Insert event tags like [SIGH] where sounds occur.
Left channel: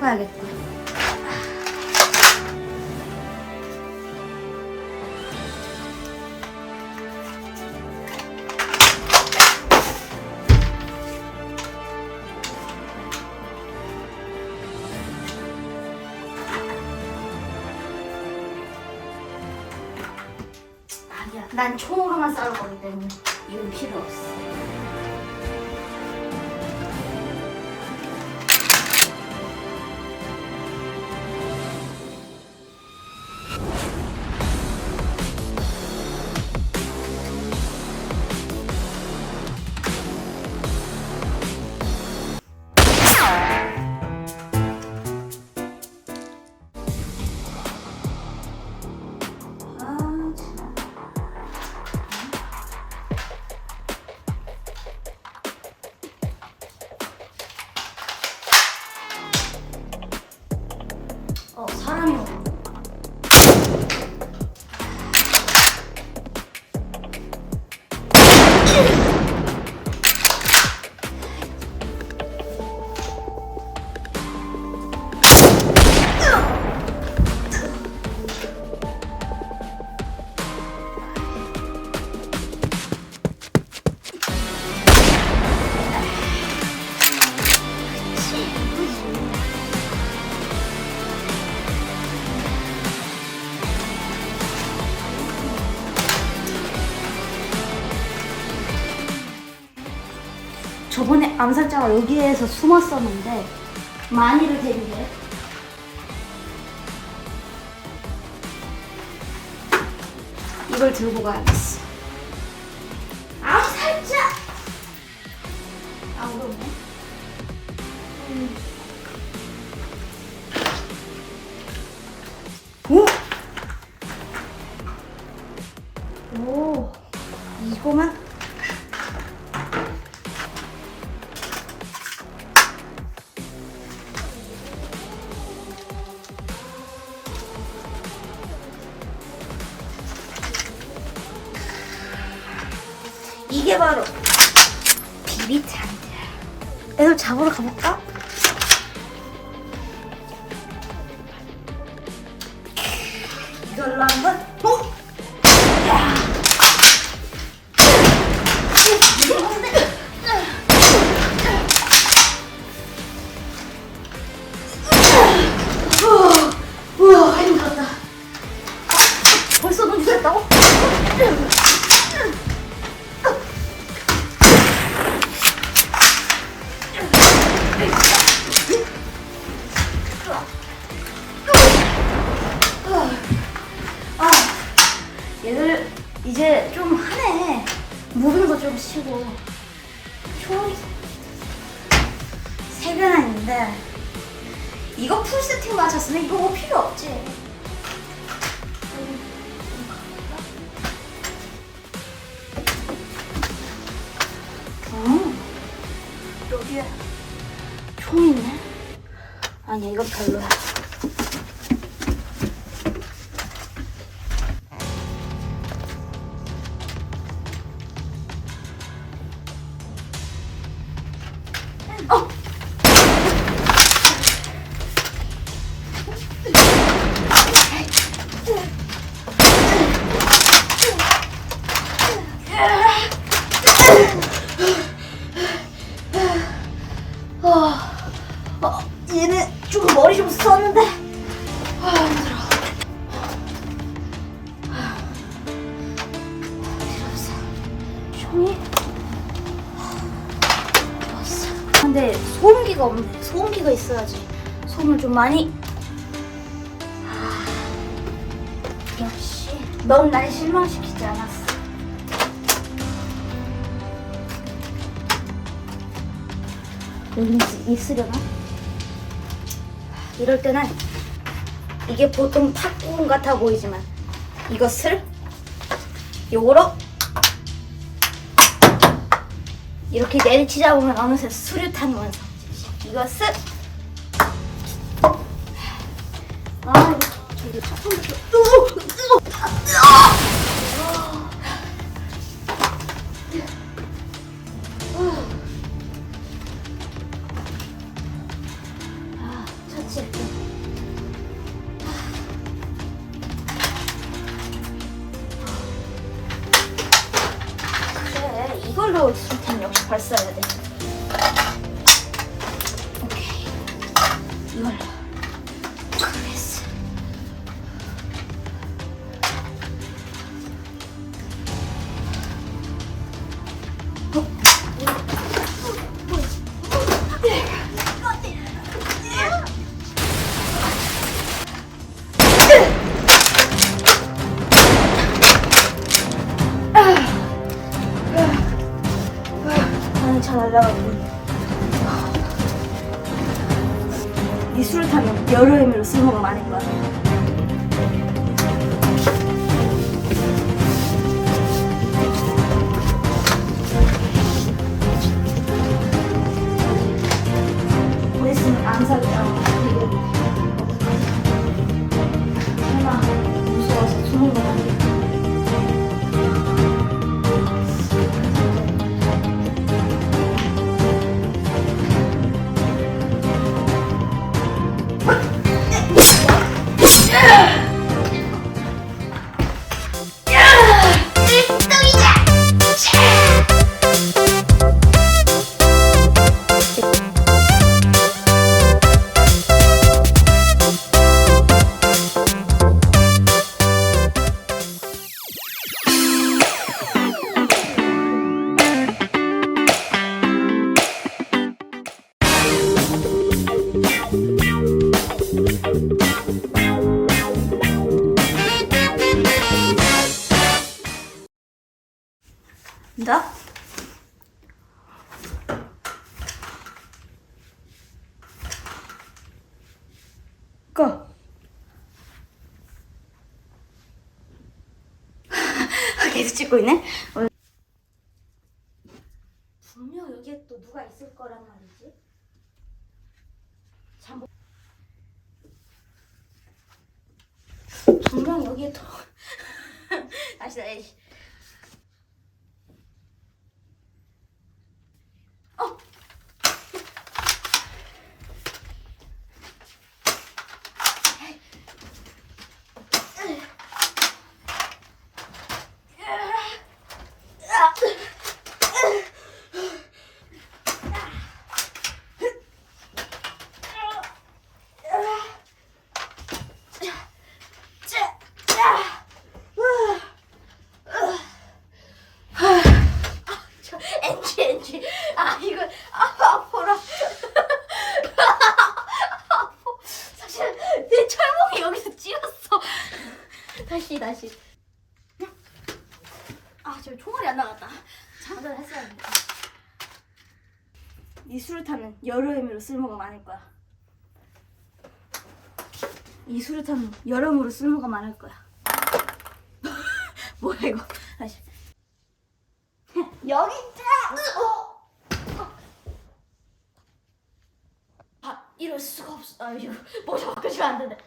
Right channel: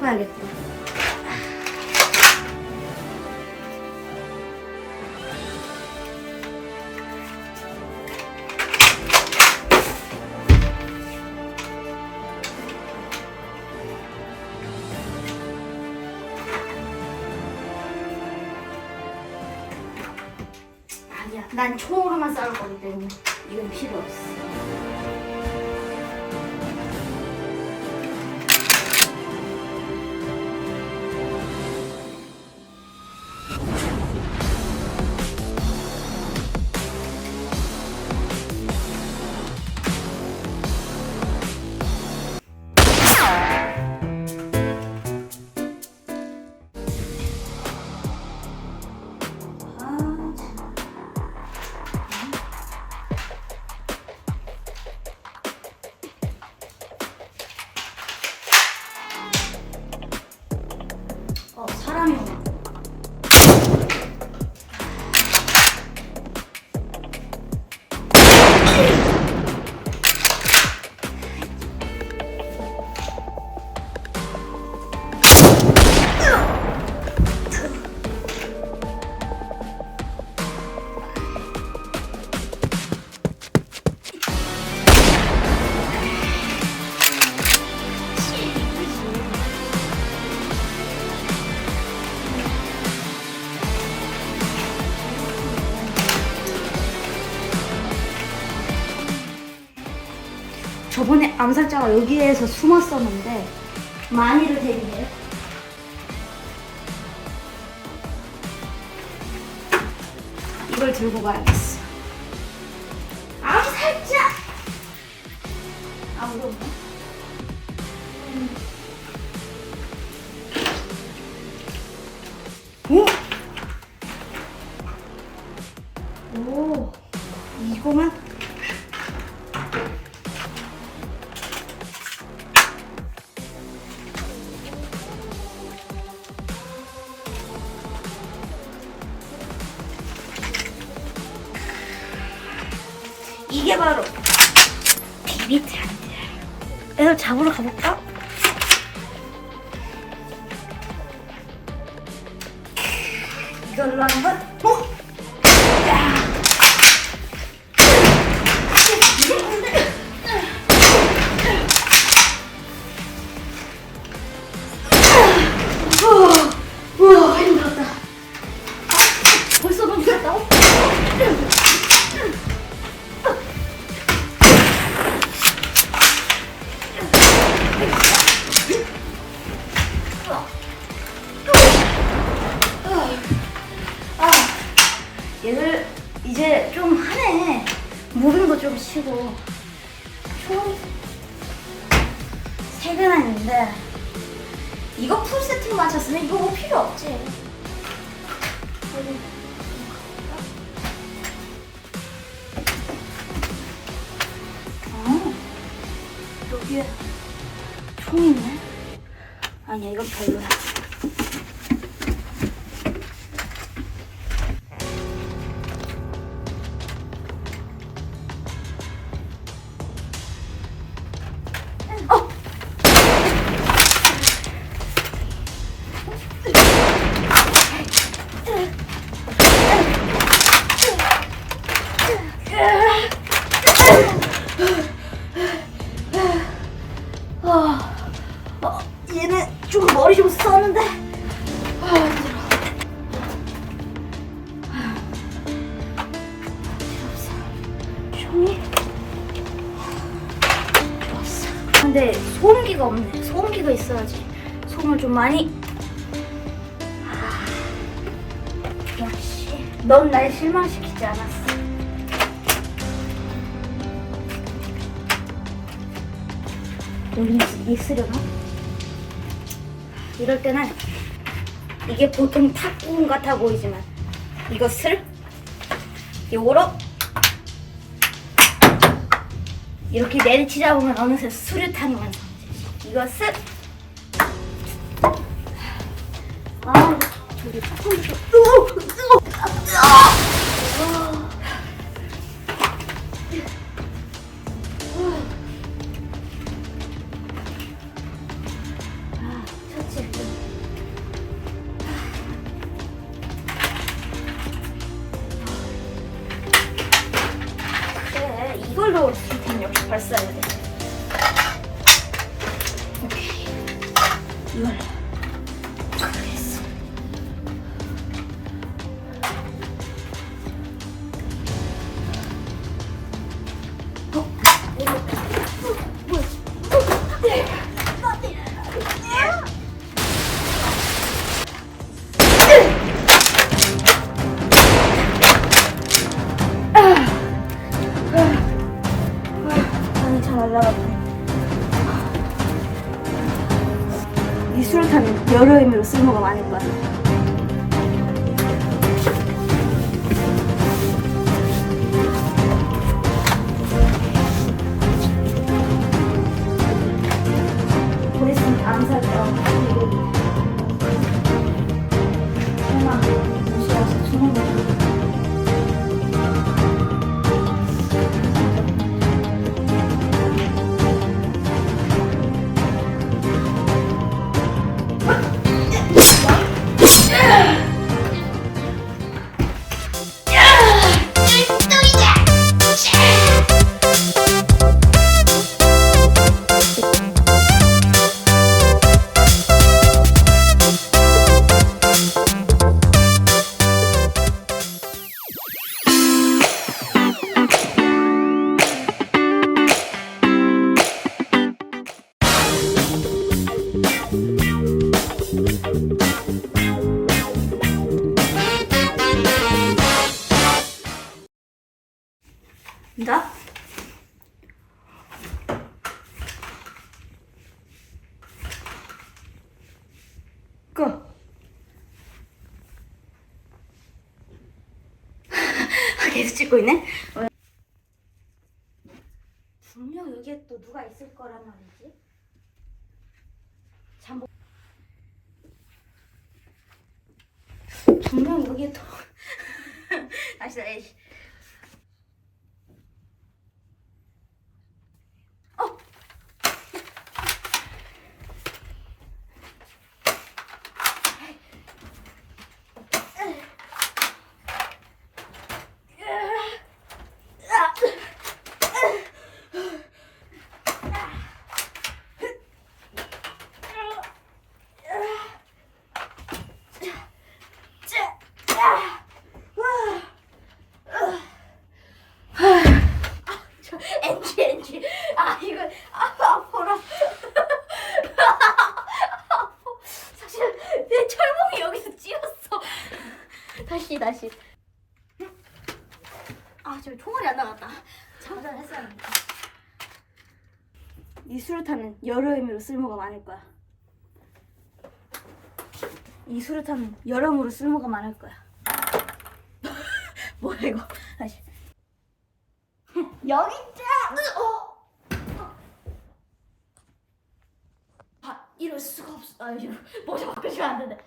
해봐야겠다. 아니야, 난 총으로만 싸울 거기 때문에 이건 필요 없어. 암살자가 여기에서 숨었었는데 많이를 데리네. 이걸 들고 가야겠어. 암살자! 아무도 없네. 음. 오! 오, 이게 바로 비비탄이야. 애들 잡으러 가볼까? 이걸로 한번 어? 무빙도 좀 치고. 총 세개는 아닌데 이거 풀 세팅 맞췄으면 이거 뭐 필요 없지. 어, 여기에 총 있네. 아니야, 이건 별로야. 머리 좀 썼는데. 아, 힘들어. 종이 좋았어. 근데 소음기가 없네. 소음기가 있어야지. 소음을 좀 많이. 아, 역시 넌 날 실망시키지 않았어. 여기 있- 있으려나? 이럴 때는 이게 보통 탁구공 같아 보이지만 이것을 요거로 이렇게 내리치다 보면 어느새 수류탄이 완성되지. 이것을 아 저기 조금 좀 이걸로 뒤텐 역시 발사해야 돼. 오케이. 이걸로. 이 수류탄은 여러 의미로 쓸모가 많은 것 같아. 보냈으면 암살이라고 그 나? 꺼. [LAUGHS] 계속 찍고 있네. 분명 여기에 또 누가 있을 거란 말이지. 잠. 분명 여기에 또 [LAUGHS] 다시 다시. 저 엔지 엔지 아 이거 아 아파라 아파 사실 내 철봉이 여기서 찌었어 다시 다시 아 저 총알이 안 나갔다 장전 했어야 합니다 이 수류탄은 여러 의미로 쓸모가 많을 거야 이 수류탄은 여러모로 쓸모가 많을 거야 [LAUGHS] 뭐야 이거 다시 여기 있자. 어. 아 이럴 수가 없어. 아 이거 모자 벗겨주면 안 되네.